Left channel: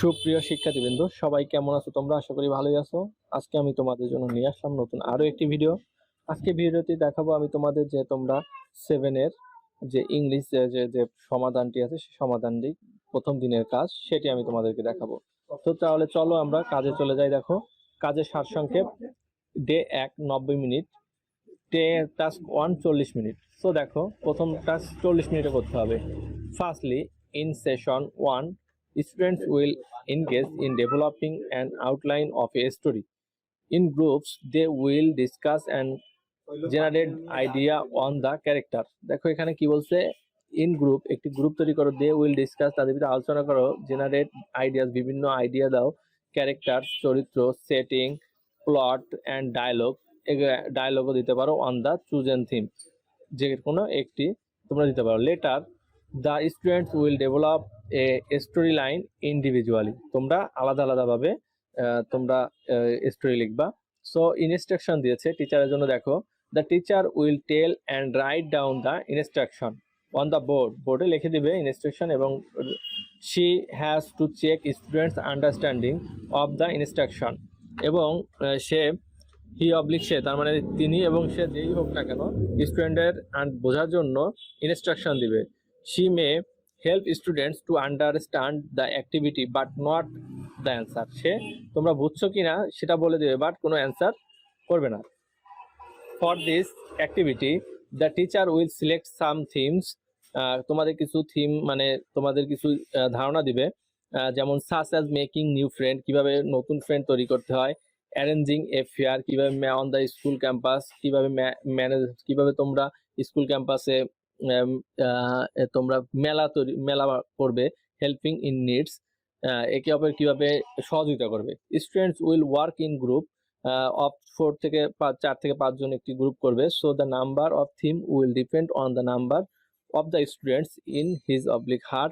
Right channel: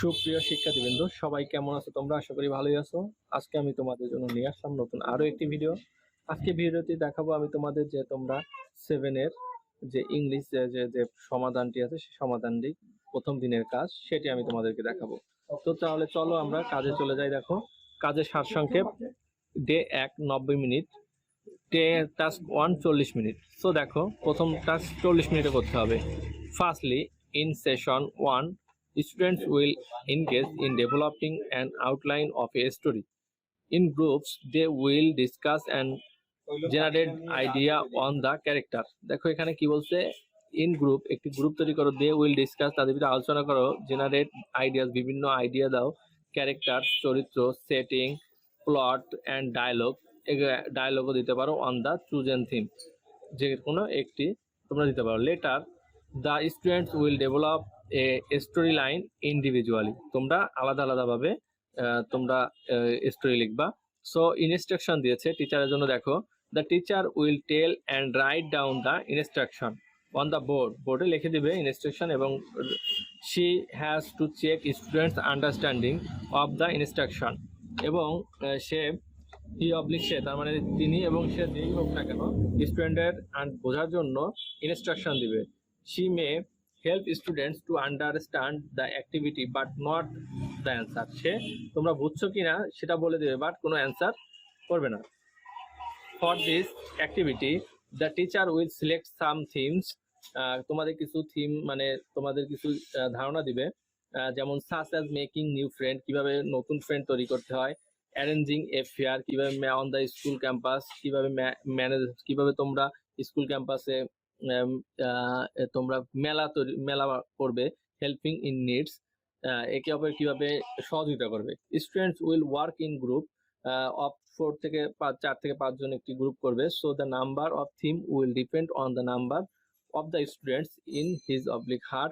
সুপ্রিয় শিক্ষার্থীবৃন্দ, সবাই কেমন আছো তোমরা? আশা করি ভালোই আছো। আজকে আমি তোমাদের জন্য নিয়ে আসলাম নতুন আরো একটি ভিডিও। আজকে ভিডিওটি দেখাবো আমি তোমাদের যে তোমরা 7 এর যে ইংলিশ যে সমাধানটি আছে সেই সমাধানটি প্রথম দিনের কাজ সেটি আমি তোমাদেরকে দেখাবো। তো তাহলে চলো আমরা কাজে চলে যাই। দেখো, কাজের সারসংক্ষেপ: day 1 90 minute, task 1 40 minute. So দেখো, প্রথম টাস্ক 40 মিনিটে করতে হবে। Firstly, in session 1, students will engage in developing an outline of a story. In groups, they will discuss and generate idea on the character. দেখো এখানে কি বলছে, ইন গ্রুপ, একটি গ্রুপ তৈরি করো, দে উইল ডিসকাস, তাদের ভিতরে আলোচনা করো, জেনারেট আইডিয়াস, বিভিন্ন আইডিয়া দাও, ক্যারেক্টার চরিত্র, সেটিং, প্লট অ্যান্ড ডায়লগ, ডায়লগও দিতে পারো, অন দ্য চুজেন থিম, যে কোনো একটি তোমরা দিতে পারো। Letter, the students will develop a story line individually, তোমরা আলাদা আলাদাভাবে তোমরা স্টোরি লিখবা। সো ইনস্ট্রাকশন দিয়েছে টিচারের জন্য। দেখো, the teacher will tell and write down the instruction on the board, বোর্ডে লিখে দিবে ইনস্ট্রাকশন, এবং she has to check students understanding of the instruction, এবং সে সে, তার মানে তিনি এবং সে যেই হোক না কেন, স্টুডেন্টের বোঝার জন্য ইনস্ট্রাকশন দিবে। She may help students to understand the activity but not the answer, সে তোমরা বুঝছো কিনা সেটা বলে দেবে, বাট কোনো অ্যান্সার করবে না। For this activity the teacher will select some themes, তোমাদের কিছু থিম মানে তোমাদের কিছু ধারণা দিবে, যেমন such as making new friend, কিভাবে নতুন ফ্রেন্ড তৈরি করতে হয়, অ্যারেঞ্জিং এ ফেয়ার, কিভাবে অন দ্য স্কুল ক্যাম্পাস, কিভাবে ম্যানেজ, কিভাবে তোমরা স্কুল ক্যাম্পাসে তোমরা মেলা করবে, হেল্পিং ইন নিডস, একে অপরের কিভাবে সহযোগিতা করবে। Students will work in group of 4 থেকে 5 জন একটি গ্রুপ করবে। So the number of theme will depend on the number of the students in his oblique her.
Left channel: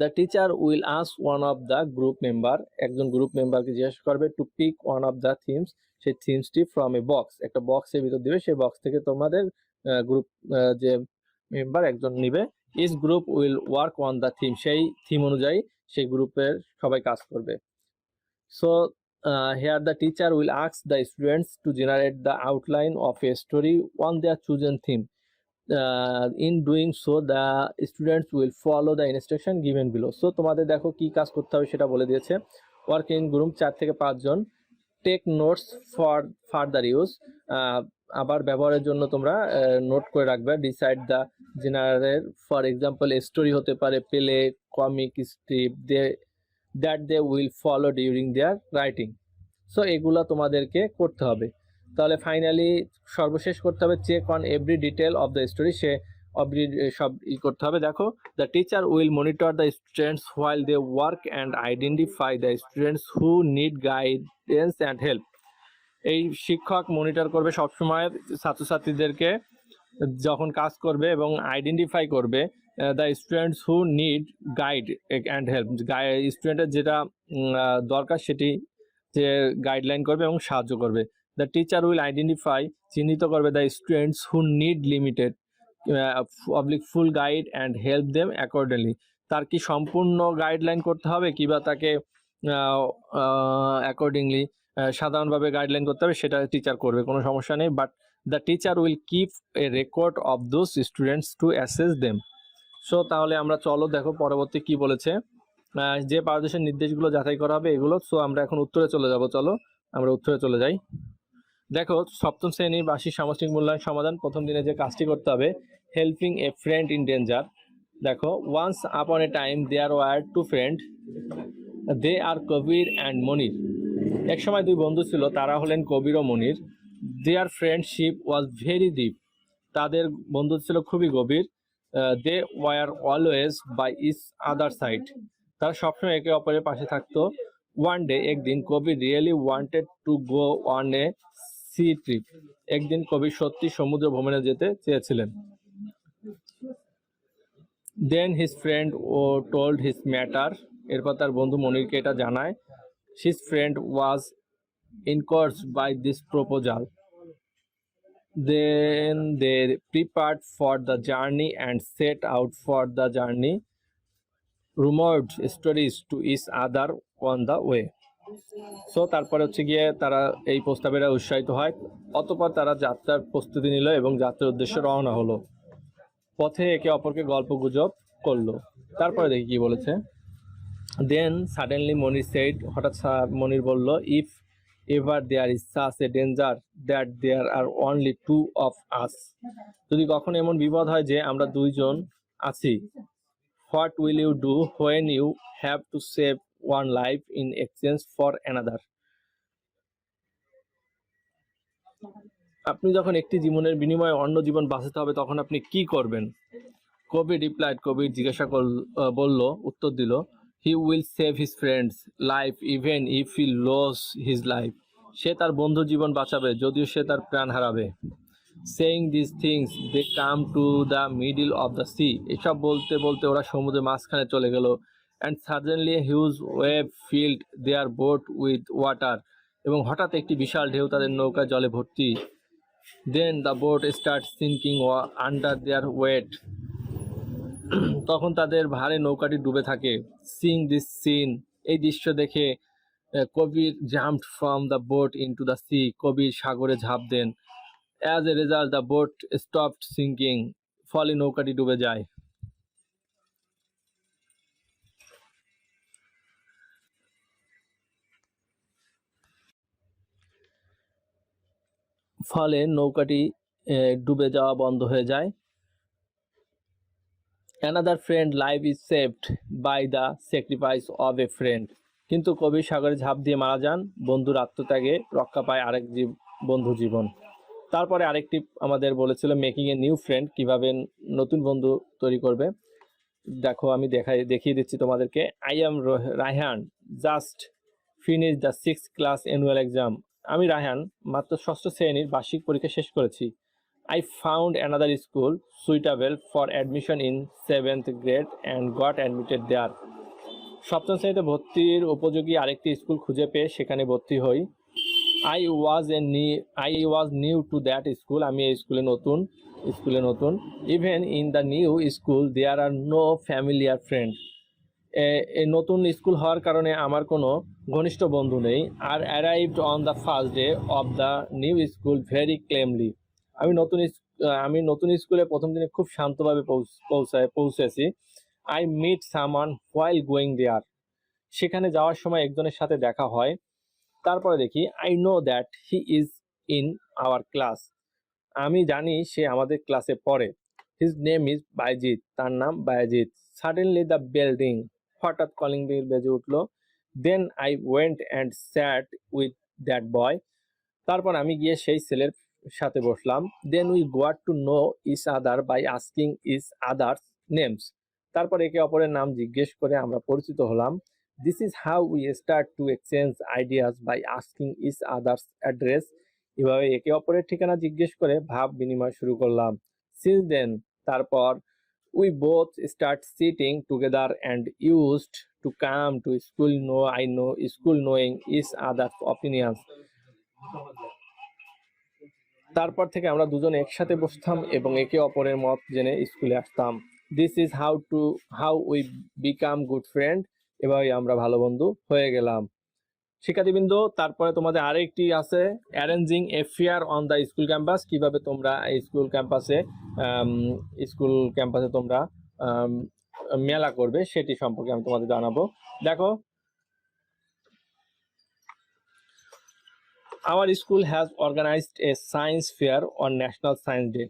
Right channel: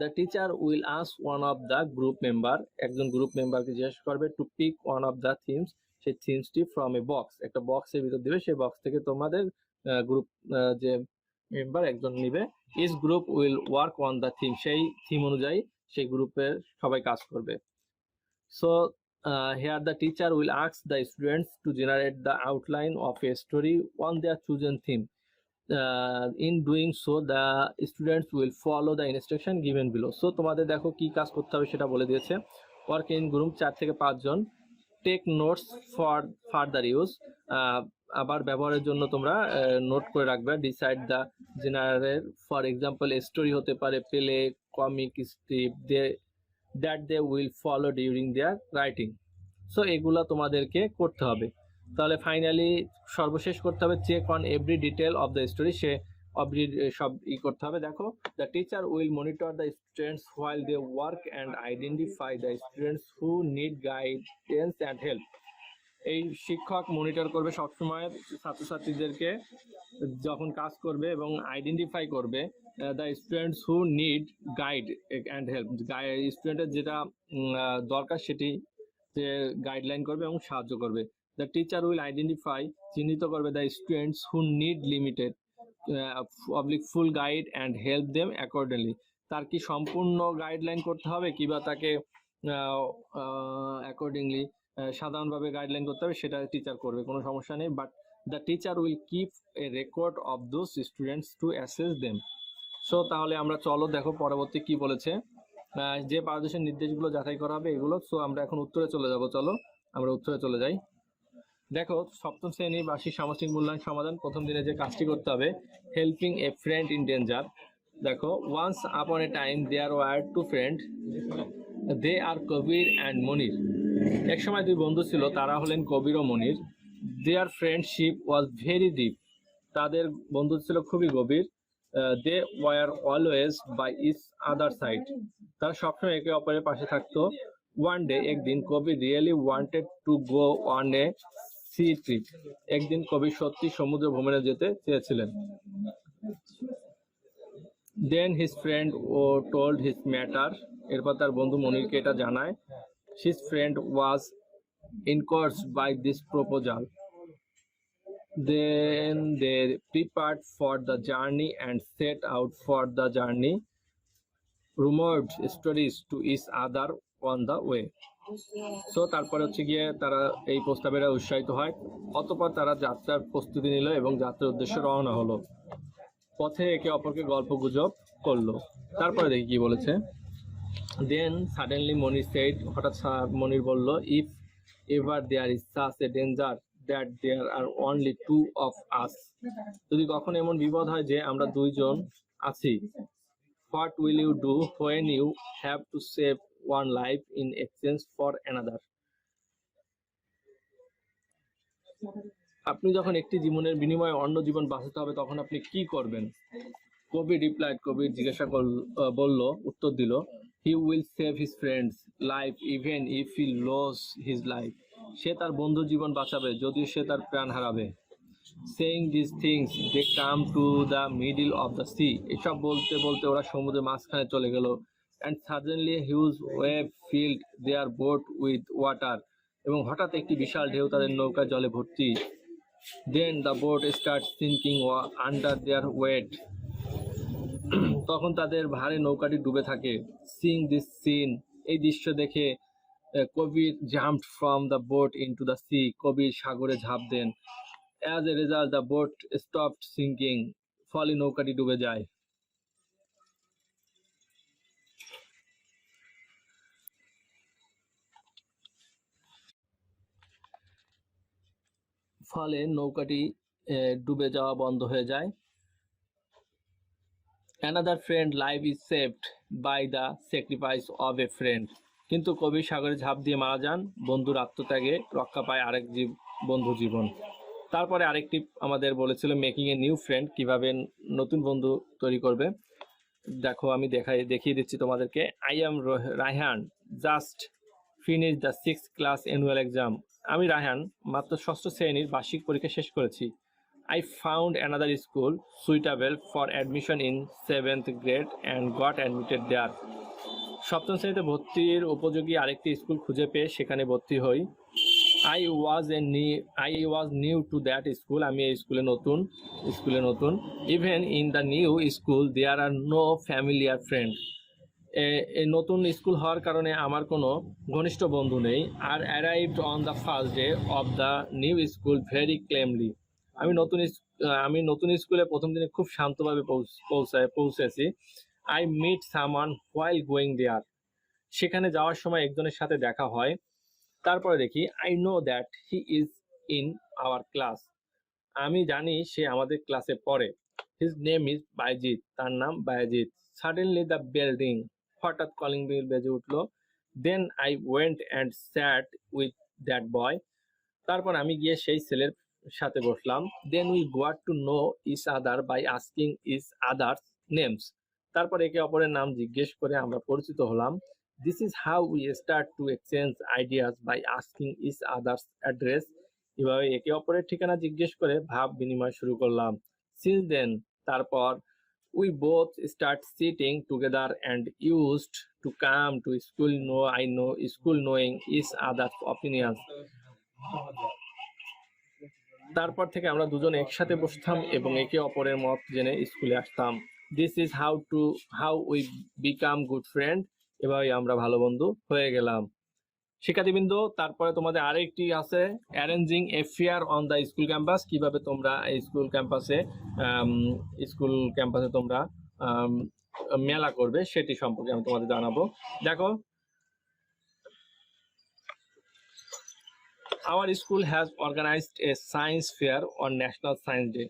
The teacher will ask one of the group member, একজন group মেম্বারকে জিজ্ঞেস করবে, to pick one of the themes, সেই থিমসটি from a box, একটা বক্সের ভিতর দিবে, সেই বক্স থেকে তোমাদের গ্রুপ যে মেম্বার একজন নিবে। Each group will work on the theme, সেই থিম অনুযায়ী সেই গ্রুপের সবাই কাজ করবে। So here the teacher will ask the students to generate the outline of a story on their chosen theme. In doing so the students will follow the instruction given below. So তোমাদের দেখো কি কাজ করতে হবে সেটা বলে দিয়েছে। Work in group 4 থেকে 5 জন, take notes for further use, আবার ব্যবহারের জন্য তোমরা নোট করে রাখবে। Decide the general, for example story হতে পারে, play, comic strip, that they will follow during their writing. So এগুলা তোমাদেরকে করতে হবে। তাহলে ফাইনালি সর্বশেষ করতে হবে, check on every detail of the story, সে সব করতে হবে। দেখো, the teacher will monitor the students while they work and identify the students who need guidance and help, এই শিক্ষক মনিটর করবে সবসময় ছাত্রছাত্রীদেরকে যখন কাজ করবে, এবং আইডেন্টিফাই করবে the students who need guide and help, স্টুডেন্টের যেটা দরকার সেটি যে গাইডলাইন করবে এবং সাহায্য করবে। দ্য টিচার উইল আইডেন্টিফাই, চিহ্নিত করবে the students who need limited oblique full guide and help them accordingly, তার কি সম্পূর্ণ গাইডলাইন করতে হবে কিংবা তাকে অ্যাকর্ডিংলি সাধারণভাবে গাইডলাইন করতে হবে, সেটা টিচার করবে, কোনো সমস্যা নেই। But the teacher will keep a record of those students to assess them. So তাহলে আমরা চলো দেখো পরবর্তী কি বলেছে, যে পারদর্শের নির্দেশগুলো যাচাই করা হবে এগুলো। সো আমরা এখন উত্তরে চলে যাব, চলো আমরা উত্তরে চলে যাই। দেখো, সপ্তম শ্রেণীর বার্ষিক সামষ্টিক মূল্যায়ন সমাধান, প্রথম দিনে যে কাজটি করতে হবে, helping a friend in danger. দেখো, once upon a time there were two friends, they are Kabir and Monir, এক সময় দুই বন্ধু ছিল, তারা হলেন কবির ও Monir. Their friendship was very deep, তাদের বন্ধুত্ব ছিল খুবই গভীর। They were always by each other side, তারা সবসময় একে অপরের পাশে থাকতো। ওয়ান ডে, একদিন, Kabir really wanted to go on a sea trip, একদিন কবির সত্যি সমুদ্র ভ্রমণে যেতে চেয়েছিলেন। দেন হিজ ফ্রেন্ড ও টোল্ড হিজ ম্যাটার, এরপর তার বন্ধু মনিরকে এটা জানায়। His friend was encouraged by this proposal. Then they prepared for the journey and set out for the journey. rumored stories to each other on the way. So তারপরে হচ্ছে গিয়ে তারা এই প্রস্তাবেরা উৎসাহিত হয়, অতঃপর তারা যাত্রার প্রস্তুতি নিল এবং যাত্রার উদ্দেশ্যে রওনা হলো। পথে একে অপরকে গল্প গুজব করলো। তারপরে দেখি কি বলেছে। দেন সাডেনলি মনির সেড, হঠাৎ মনির বলল, if ever there is such a danger that there are only two of us, যদি কখনো এমন বিপদ হয় যে আমরা দুইজন আছি, what will you do when you have to save one life in exchange for another, আপনি যখন একটি জীবনের বিনিময়ে অন্য জীবন বাঁচাতে হবে তখন আপনি কি করবেন? কবি রিপ্লাইড, কবি জিজ্ঞাসা বলল, উত্তর দিল, he will save his friends life even if he loss his life, সে তার বন্ধুর জীবন বাঁচাবে যদিও সে তার প্রাণ হারাবে। Saying this things they come to the middle of the sea, এসব বলতে বলতে ওরা সমুদ্রের মাঝখানে চলে গেল। And suddenly huge wave filled their boat with water, এবং হঠাৎ একটি বিশাল ঢেউ তাদের নৌকা জলে ভর্তি। Then the boat start sinking under there wait, তখন তাদের ভারে নৌকাটি ডুবে থাকে। সিং দিস সিন, এই দৃশ্য দেখে Kabir jumped from the boat into the sea, Kabir সাগরে ঝাঁপ দেন। As a result the boat stopped sinking, ফলে নৌকাটি ডুবে যায়। ফলে নৌকাটি ডুবে যাওয়া বন্ধ হয়ে যায়। Another friend life is saved by the sacrifice of a friend, কিন্তু কবি সাগরে ঝাঁপ দিয়ে মারা যান, বন্ধুর আত্মত্যাগে রক্ষা পায় আরেক বন্ধু জীবন। তারপরে আরেকটি আমাদের বলেছিল মেকিং এ নিউ ফ্রেন্ড, কিভাবে নতুন বন্ধু তৈরি করবে। দেখো আমি দেখিয়ে দিচ্ছি তোমাদেরকে। I am Raihan, just finish the 6th class annual exam, আমি রায়হান মাত্র ষষ্ঠ শ্রেণীর বার্ষিক পরীক্ষা শেষ করেছি। I found another school suitable for admission in 7th grade and got admitted there. সপ্তম শ্রেণীতে ভর্তির উপযোগী আরেকটি স্কুল খুঁজে পেয়ে সেখানে ভর্তি হই। I was new to that school, আমি এই স্কুলে নতুন। Even in the new school there are no familiar friends. এই নতুন স্কুল হওয়ার কারণে আমার কোনো ঘনিষ্ঠ বন্ধু নেই। আর arrived on the first day of the new school very calmly, আমি নতুন স্কুলে প্রথম দিনে খুব শান্তভাবে পৌঁছেছি। I meet someone while going there, সেখানে যাওয়ার সময় একজনের সাথে দেখা হয়। তারপরে দেখি, I know that he is in our class, আমি জানি সে আমাদের ক্লাসে পড়ে। হিজ নেম ইজ বাইজিৎ, তার নাম Bayezid. Suddenly the bell ring, হঠাৎ কলিং বেল বেজে উঠলো। Then I went and sat with that boy, তারপর আমি গিয়ে সেই ছেলের সাথে বসলাম। Then we got to know each other by asking each others names, তারপর একে অপরের নাম জিজ্ঞেস করে আমরা পরিচিত হলাম। This is how we start to exchange ideas by asking each others address, এভাবে একে অপরের ঠিকানা জিজ্ঞেস করে ভাব বিনিময় শুরু করলাম। সিন্স দেন, তারপর we both start sitting together and used to come to school knowing each other's opinions, তারপর থেকে আমরা দুজন একসাথে বসতাম এবং একে অপরের মত জেনে স্কুলে আসতাম। This is how we become good friend, এভাবেই আমরা ভালো বন্ধু হয়ে গেলাম। শিক্ষার্থীবৃন্দ, তারপরে তোমাদের আরেকটি আছে arranging a fair on the school campus, কিভাবে তোমরা এই স্কুল ক্যাম্পাসে তোমরা মেলা করবে সেটি সম্পর্কে আমি তোমাদের জানাবো। দেখো, our school has organized a science fair on National Science Day.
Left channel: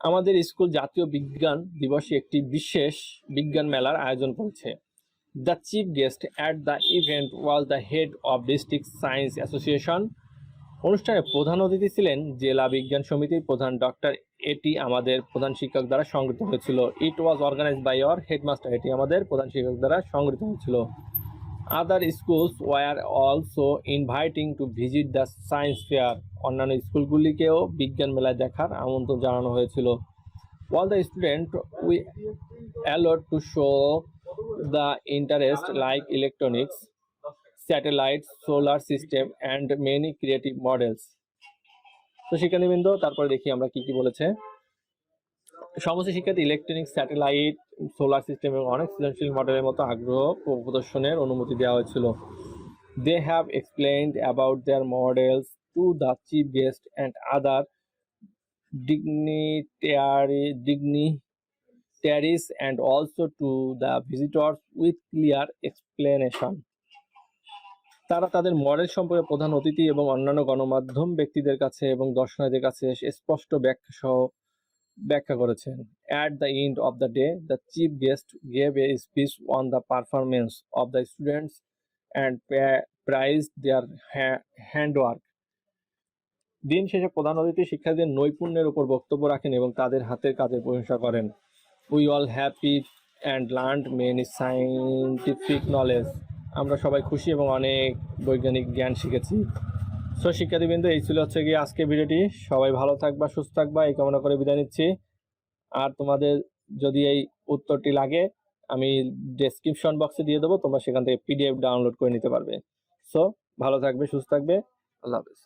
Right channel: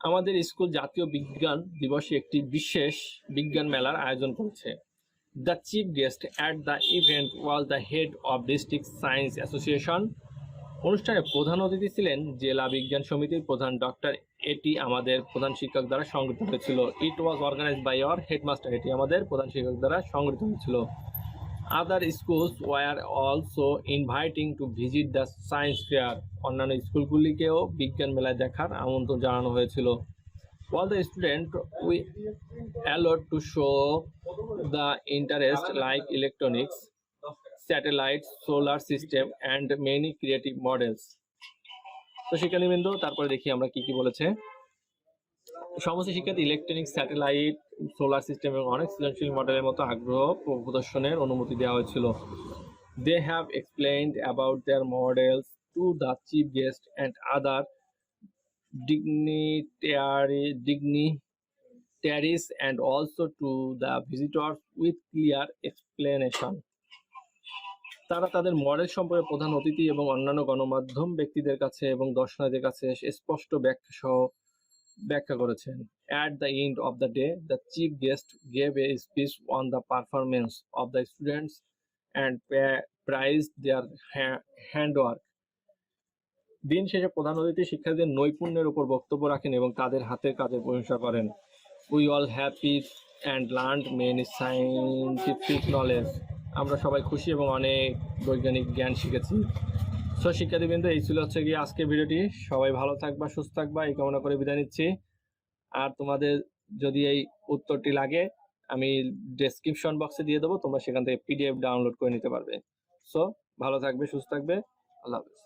আমাদের স্কুল জাতীয় বিজ্ঞান দিবসে একটি বিশেষ বিজ্ঞান মেলার আয়োজন করেছে। The chief guest at the event was the head of district science association. অনুষ্ঠানে প্রধান অতিথি ছিলেন জেলা বিজ্ঞান সমিতির প্রধান ডক্টর, এটি আমাদের প্রধান শিক্ষক দ্বারা সংগঠিত হয়েছিল। It was organized by our headmaster, এটি আমাদের প্রধান শিক্ষক দ্বারা সংগঠিত হয়েছিল। Other schools were also inviting to visit the science fair. অন্যান্য স্কুলগুলিকেও বিজ্ঞান মেলায় দেখার আমন্ত্রণ জানানো হয়েছিল। All the students were allowed to show the interest like electronics, satellites, solar system and many creative models. তো শিক্ষার্থীবৃন্দ, তারপরে দেখি আমরা কি বলেছে। সমস্ত শিক্ষার্থী ইলেকট্রনিক্স, স্যাটেলাইট, সোলার সিস্টেম এবং অনেক সৃজনশীল মডেলের মতো আগ্রহ প্রদর্শনের অনুমতি দেওয়া হয়েছিল। They have explained about their models to the chief guest and other dignitaries and also to the visitors with clear explanation. তারা তাদের মডেল সম্পর্কে প্রধান অতিথি এবং অন্যান্য গণমাধ্যম ব্যক্তিদের কাছে এবং দর্শনার্থীদের কাছে স্পষ্ট ব্যাখ্যা করেছেন। At the end of the day, the chief guest gave a speech on the performance of the students and praised their handwork. দিন শেষে প্রধান অতিথি শিক্ষার্থীদের নৈপুণ্যের উপর বক্তব্য রাখেন এবং তাদের হাতের কাজের প্রশংসা করেন। We all happy and learned many scientific knowledge. আমরা সবাই খুশি এবং অনেক বৈজ্ঞানিক জ্ঞান শিখেছি। সো শিক্ষার্থীবৃন্দ, এই ছিল হচ্ছে গিয়ে আজকের ভিডিওটি। সবাই ভালো থাকবা, সুস্থ থাকবা এই কামনা করে বিদায় নিচ্ছি। আর তোমাদের যদি এই উত্তরটি লাগে আমি ডেসক্রিপশন বক্সে দিয়ে দেবো, তোমরা সেখান থেকে পিডিএফ ডাউনলোড করে নিতে পারবে। সো ভালো থাকবে, সুস্থ থাকবে, আল্লাহ হাফেজ।